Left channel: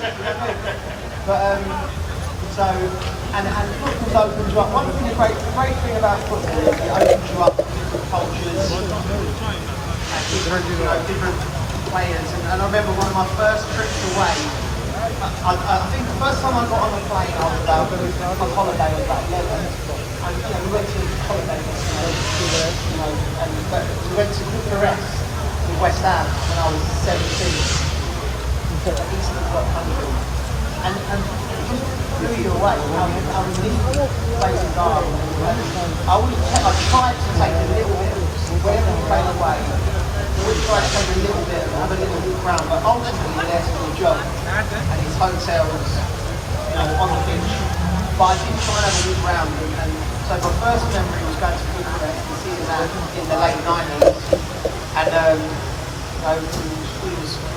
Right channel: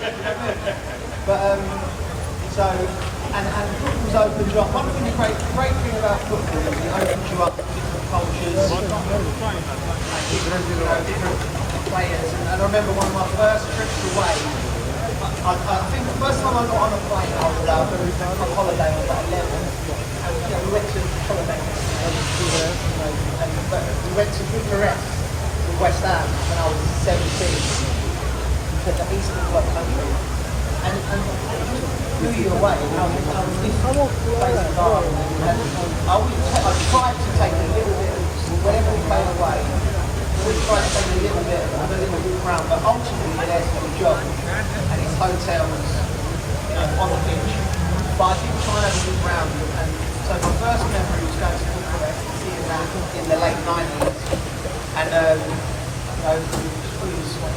But so, and football's opened you up. One thing, the great thing about football is it opens you up to different cultures and different players. And I remember one of my first trips away. I think the first time I got on a plane, I was about on holiday. I was about 11. And we went to holiday, but we went to Bucharest in West Ham when I was 17. The Eastern Bloc country. And blew you away. I was in places are, I tried to take a little bit of, whenever we played away, we tried to take a little bit, have a little look around, but ultimately we're there to do a job. And it's hotels, on the beach. But I did try and have a look around, and so my first memory was going to Bucharest and seeing that in the late 90s. And we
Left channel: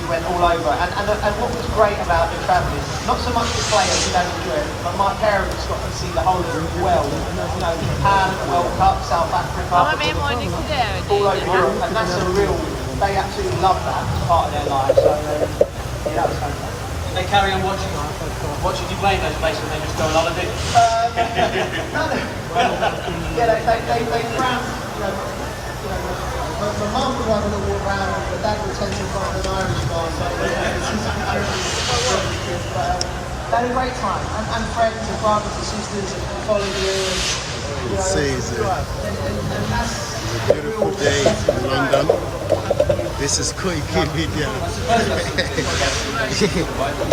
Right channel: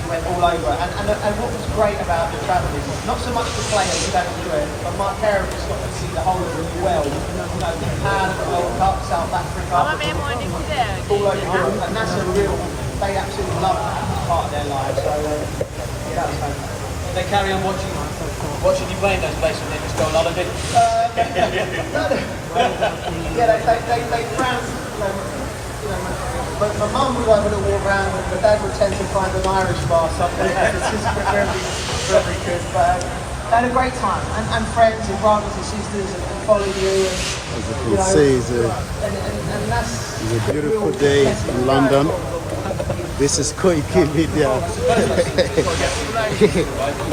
went all over. And what was great about the travelling, not so much the players who don't enjoy it, but my parents got to see the whole world. Japan, World Cup, South Africa, all over Europe. And that's a real, they absolutely love that as part of their lives. So that was fantastic. They carry on watching you play in those places and they just go on holiday? They frown, my mum would like to walk around, my dad would tend to find an Irish bar somewhere. Had a great time, and friends and brothers and sisters and colleagues. And that's a beautiful day in London. This is Koikimedia.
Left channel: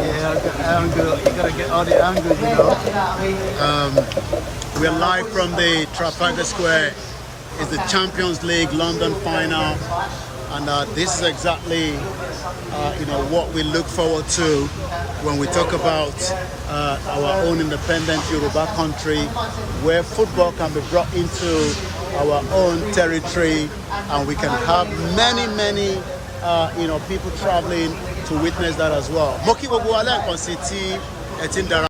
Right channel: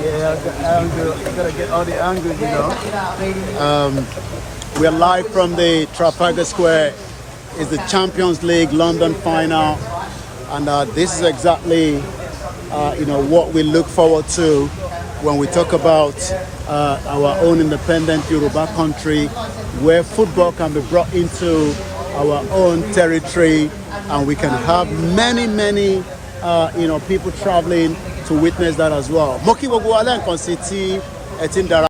Yeah, I got angle. You gotta get all the angles, we're live from the Trafalgar Square. It's the Champions League London final, and this is exactly what we look forward to when we talk about our own independent Yoruba country, where football can be brought into our own territory, and we can have many people traveling to witness that as well.